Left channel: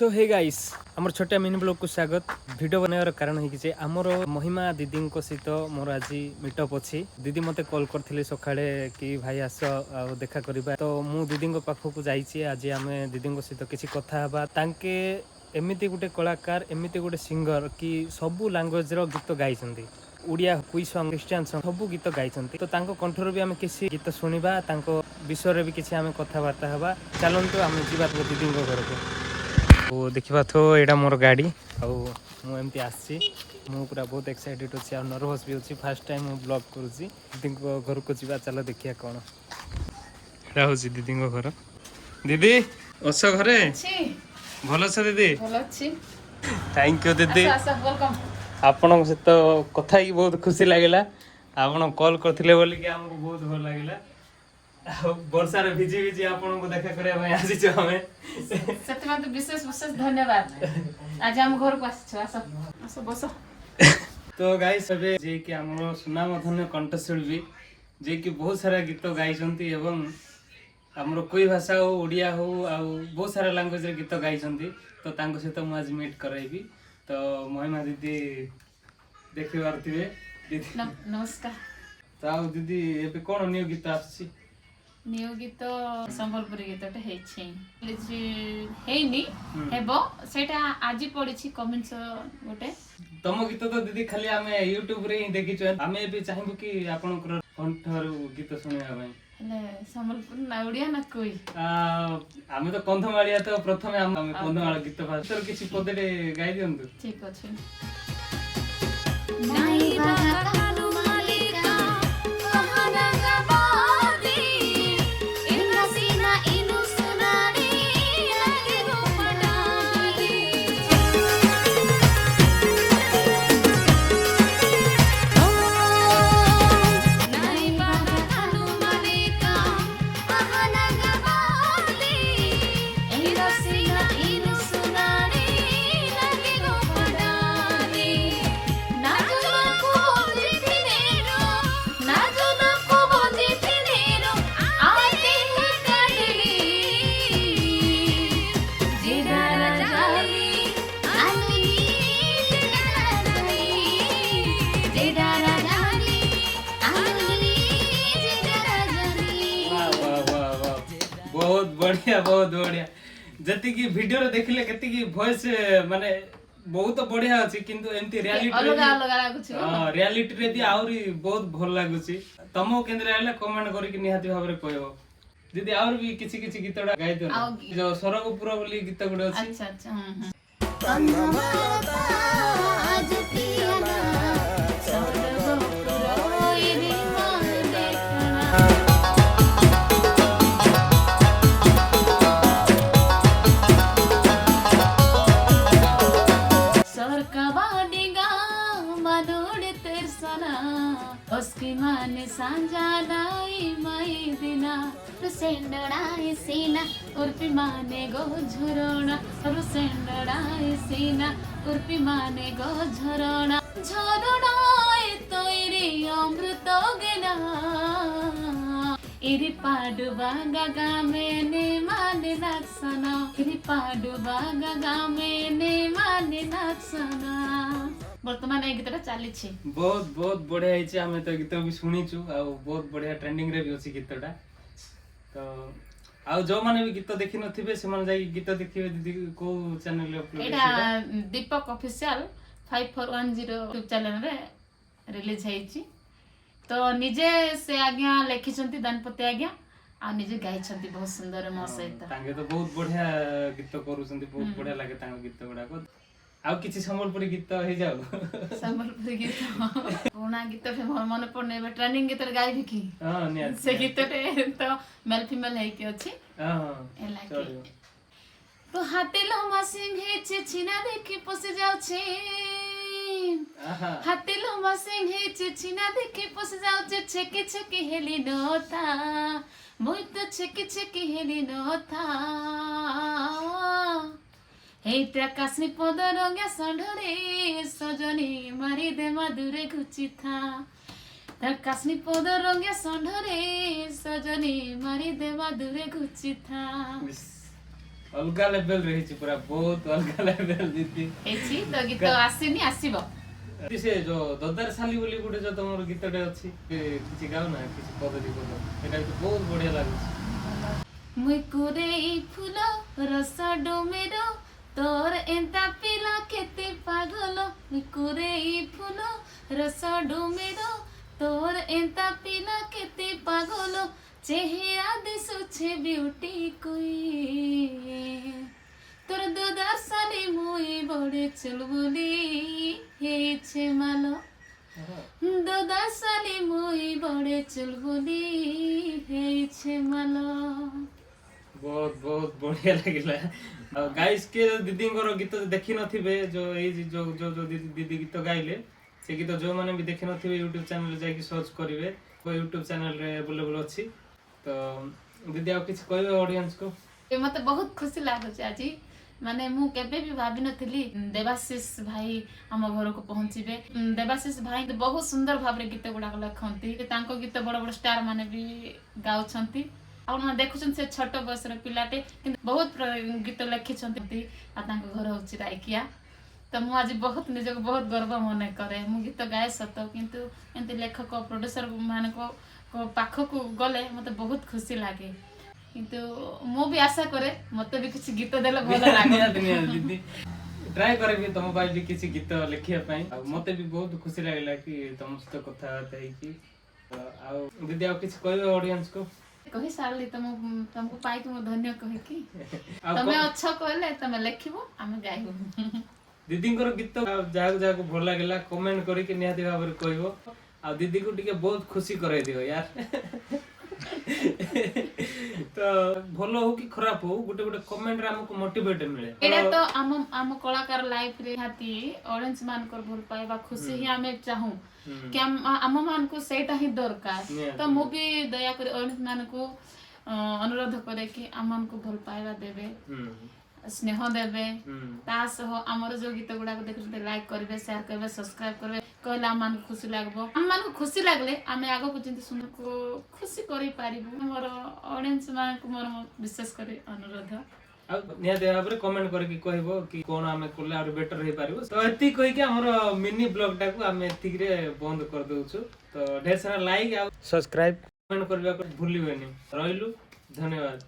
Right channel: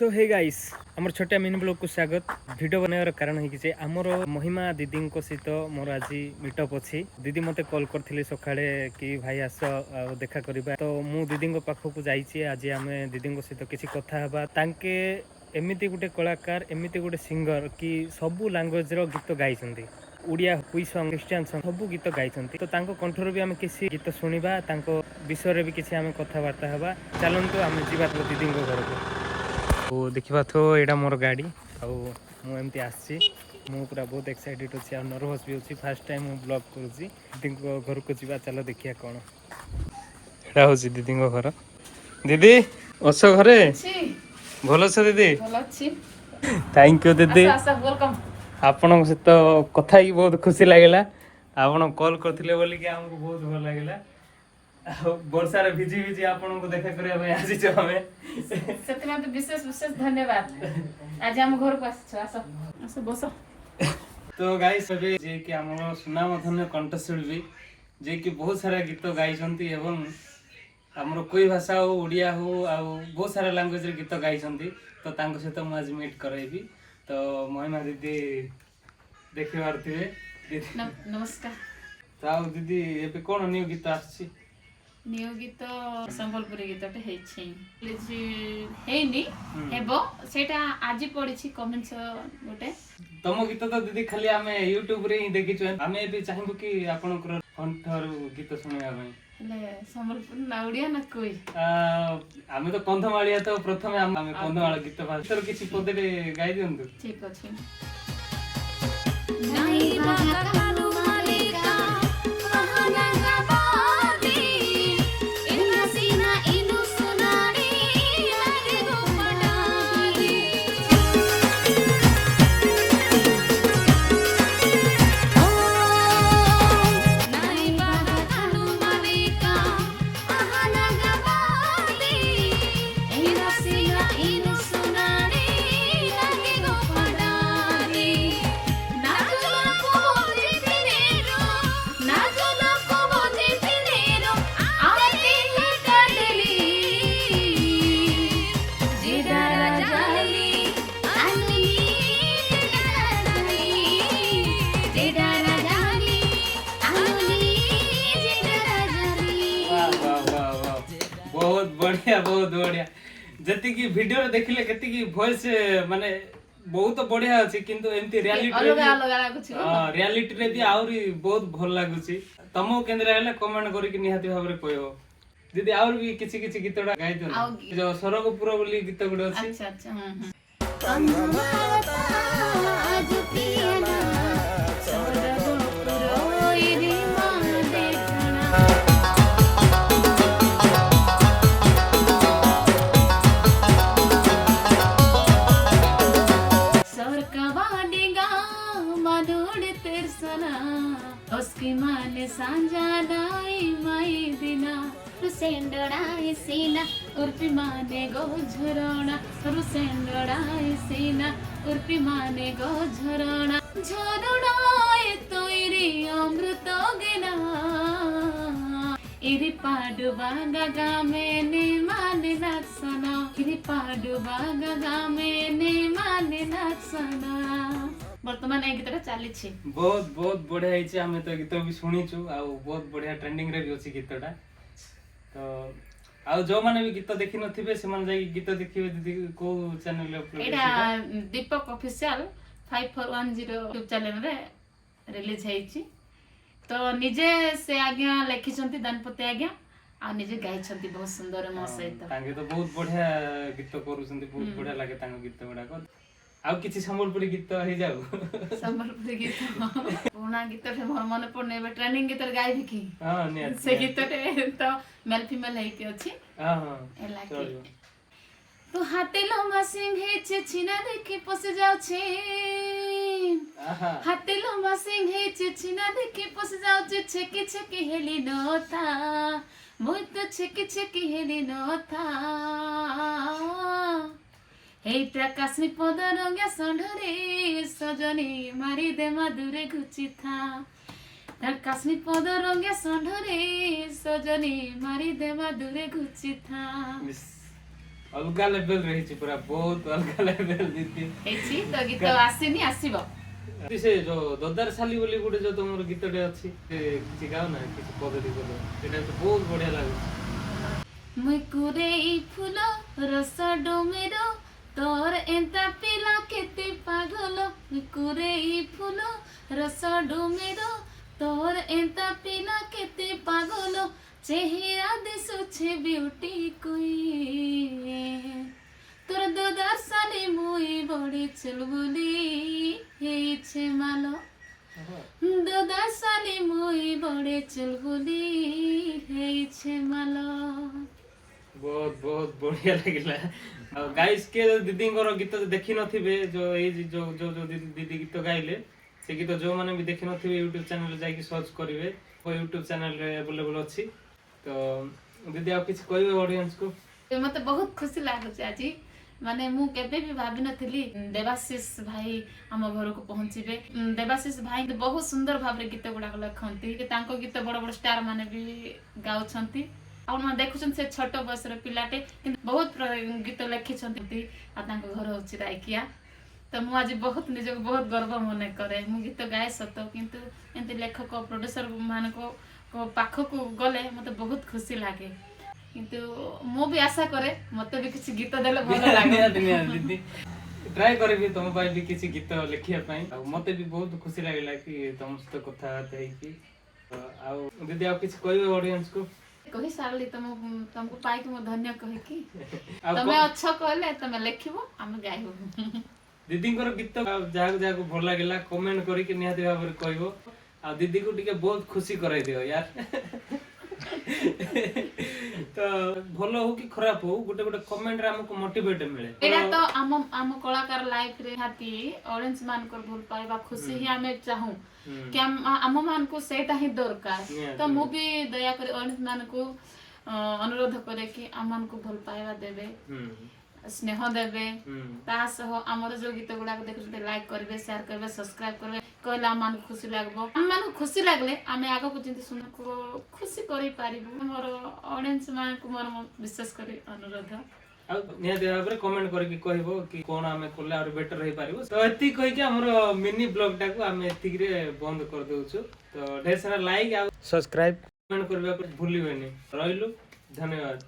सो hey guys आमर छोटिया mini blog को स्वागत। वीडियो बनावर कारण है आमर महिमा दीदी सहित मोर आज मीटअप अच्छी। दीदी मते कॉल करथिले सकाळे कि भाई आस देखा करबा, तो मु दीदी पाखक जाइए। आज आम दीदी सहित किसी कथा हबा। तांके एमिति गुटे कलाकार एमिति गुटे सिंगर कि सबु लैंग्वेज रो गीत गाइछन्ती। उड़िया कुई सॉन्ग क्रिश्चियन सॉन्ग सबु गीत गाइछन्ती। तो तांको कंठर भी आम किसी गीत शुणिबा, तांको विषय भी किसी आम कथबार्ता हबा। चलंतु आम जीवा दीदी घर को। तो देखा तो यहाँ मोर गाड़ी आमती आसी पूरा बहुत एक्साइटेड अच्छी आ नर्वस भी अच्छी। फास्ट टाइम मु ब्लॉग करुँची दीदी घर को जीवा। चलो देखिए कौन यहाँ हूँ दीदी घर। दीदी अस घरे भल अछ दीदी? थैंक यू दीदी। आपण सहित कथा ही बहुत खुशी लगे। आप कॉल करते बोलिक आमको बहुत भल लगे। वर्षा रे भिजी भिजी आपन को देखा करे हमें आसी छ हमें सत्यमा तो विशेष विशेष धन्यवाद। आज हम घर को आसी छ। आसो आसो बसो। तो गाइस अबे जे कि हमर सुनाम धन्य कंठशिल्पी जे कि बहुत सारा गीत गाइछन्ती एवं हमर कोई भाषा हो ओडिया हो आ बहुत सारा लैंग्वेज रे गीत गाइछन्ती। तो तांको सहित मु आज मीट करैबी। तो महिमा दीदी देखि पारथिबे दीदी। नमस्कार। तो आ दीदी एबे कोन न्यू गीत आछि? न्यू गीत संबलपुरी गीतटे हेनी हेबो सेटा आज पड़िछि कमेंट्स गोटे। तम गीत तो दीदी खाली आमे यूट्यूब रे ही देखिछु। आमे भी चाहबो कि आपनकर कंठर गीत सुनिया भाई। ले संबलपुरी ना ओडिया ना कोई आमे तो कंधमालिया। तो प्रथमे आमे कंधमाल गीत भाषर किछि पदे गाई दियंतु। ठीक अछि। नाही बाका कानु मालिका कहाना गाबादी इना सीना इनु सुनाडी लागे गो पडादी ओ नाही बाका कानु मालिका कहाना गाबादी इना सीना इनु सुनाडी लागे गो पडादी बहुत बढ़िया जति की वीडियो रे देखिले केति की वॉइस माने बहुत बढ़िया अछि। किंतु एमती रियलिटी रे अलग अलग लागुछि। हां रियलिटी रे भी आउरी बहुत भल लागुछि। तमो केंद्र आले कमेंट करी कि निहाती भाबरे कहबो दीदी। और भी किछि किछि गीतडा गाइ दियो जो सरगपुर बोली गीत गुड अछि। अच्छा अच्छा आज पियाला सरगपुर ओइरी सरकवाडी गाँव मनोड तेरसना उसकी माने सांजानाई माई दिना सेंडोडाई सीना उर्पी माने गो झरोना सेंडोडाई सीना उर्पी माने गो झरोना झरोनाई तोइरी अमृत गेना इरी पाडु बागा गामे ने माने लक्षणा इरी पाडु बागा गामे ने माने लक्षणा। वर्तमान ए गीतटा चली छी। बहुत बहुत बढ़िया हिची। हमें तो गीत भी सुनिछु आ बहुत बढ़िया ट्रेंडिंग रे भी अछि गीतटा। तो आ जो माने भी गीत देखि नथिबे से माने जाई गीत देखिबे दीदी को चैनल अपलोड एटा दीपक ऑफिशियल 5410 यूट्यूब चैनल रे रिलीज हेछि। तो निजे से आज्ञा लिखिछंती दानपति आज्ञा आ निजे गाइछंती बहुत सुंदर मो सहित। तांगे तो बहुत बढ़िया गीत करूछंती। बहुत बढ़िया लागे तांगे गीत गुडा को। आ किछि संबलपुरी गीत हे जाऊ संबलपुरी गीत पुराना गीत के मन पड़ने ट्रेंडिंग गीत गाइबी की। हां निया से गीत रे तो मेल फीमेल है के अछि। हां हां चलियो। तो हाथे लम्बा सिंह छे छिना देखि पस जाउ छे। हाथे लम्बा सिंह छे छिना देखि पस जाउ छे। छेके छेके हेली नोथा मोय तो छेके छेके हेली नोथा हेटा काश्मी पद रंगे संढरे सजनी मारी दे मादुरे गुची था काश्मी पद रंगे संढरे सजनी मारी दे मादुरे गुची था। अलगा लेवल रही पूरा बहुत अलगा लेवल दीदी ହେଇଛି ତ ଗୀତ ଆସିନି ଆସିବ से जो ददार साली बोली गोटे जो तुम गीतटे अच्छी किसी गाओ ना किसी पद्धति बोलो एटा तो बहुत बढ़िया लाଗୁଛି मुई कुरेई फूल रस डोमेरो तोर एंता पिला केते पागल मुई कुरेई फूल रस डोमेरो तोर एंता पिला केते पागल चेहरा दिसुछे ब्यूटी कोई तोर ददार साली मुई बड़े चलबुली हेछे मालो ददार साली मुई बड़े चलबुली हेछे मालो बहुत बहुत बढ़िया लगिला गाइस के दीदी गीत देखी नथिबे जो ए जो जो जो दीदी गीत गाइले से गीत जो माने भी देखी नथिबे YouTube चैनल जाके सर्च करिवे वो YouTube चैनल रे अवेलेबल अछि तो दीदी आप किछ कहबे ऑडियंस को मते बहुत खुशी लागुଛି ଆଜି ମାନେ ମୁଁ କେବେ ବି ଭାବି ନଥିଲି ଦେବାଶିଷ ଭାଇ ଆମ ଘରକୁ ପହଞ୍ଚିବେ ଦେବାଶିଷ ଭାଇ ବହୁତ ସୁନ୍ଦର ଭାବରେ ଗୀତ ଗୁଡାକ ଲେଖନ୍ତି ତାଙ୍କ ଗୀତ ବଡ ବଡ ଷ୍ଟାର ମାନେ ବି ଗାଉଛନ୍ତି ଆଉ ଦେଖୁଛନ୍ତି ସେ ଛୋଟ ବୟସର ପିଲାଟେ କିନ୍ତୁ ବହୁତ ଗୀତ ଲେଖିଛନ୍ତି ଆଉ ତାଙ୍କ ଘର ହଉଛି ରାଇକିଆ ତ ମୁଁ ଆଜି ବହୁତ ନିଜକୁ ବହୁତ ଗର୍ବ ମନେ କରେ ମୁଁ ଗୀତ ଗାଏ ସତ କିନ୍ତୁ ଏମିତି ଲେଖକ ପ୍ରୋଡ୍ୟୁସର ମାନଙ୍କ ପାଖକୁ ଗଲେ ମତେ ବହୁତ ଖୁସି ଲାଗେ କିନ୍ତୁ ମୁଁ ବି ଆଶା କରେ ମତେ ବି କିଛି ଗୀତ ଦେଲେ ଭଲ ଲାଗେ दीदी ट्राई करबी तुम भाई भी किसी गीत लिखिया पई आ मते भी बहुत खुशी लागला कि तुम सहित कथा होते कि आ दीदी आप किछ कहबे ऑडियंस को कहि सारली तुमको पाई कि मैं धन्य कहि कि आ तमे अच्छा कहले तमे लिखिबो हम गाइबो दीदी गीत जाग जाग भल लागला कमेंट करी कि निहाती भाव में कहबो आ दीदी को टिके बहुत खुशी कराई दियो यार तो भलो हो कि खराब हो गोटे गोटे कमेंट रे हमको मोटिवेट मिले एडा तो आम कलाकार लाइफ रे हाती ऑडियंस मान कर भूल पाएबा खुशी ही हमें चाहूं कि आम मान को सेटा ही दरकार तो मु भी दया कर ऑडियंस मान को अनुरोध करे कि आम मान को भूल पाएबा देबे स्नेह देबे ता सह हमर जो गीत गुडा को देखते लाइक करबे शेयर करबे सब्सक्राइब करबे कहला मन खुशी लागबो हम मान खुशी लागले आमे आगो को चिंता सुन को खुशी करि पारिबो हमर ऑडियंस मान को मोर विशेष करे अनुरोध आ निहाती भाव में कमेंट करके कहबो कि कोन हमें कोले और बेटर रही पारिबो तो एति कहि के हमर मिनी ब्लॉग टा को हमें एति रे बंद कर दोछु तो ढेर सारा लाइक आ सब्सक्राइब कमेंट करबा को भूलिबेनी रहिलु धन्यवाद।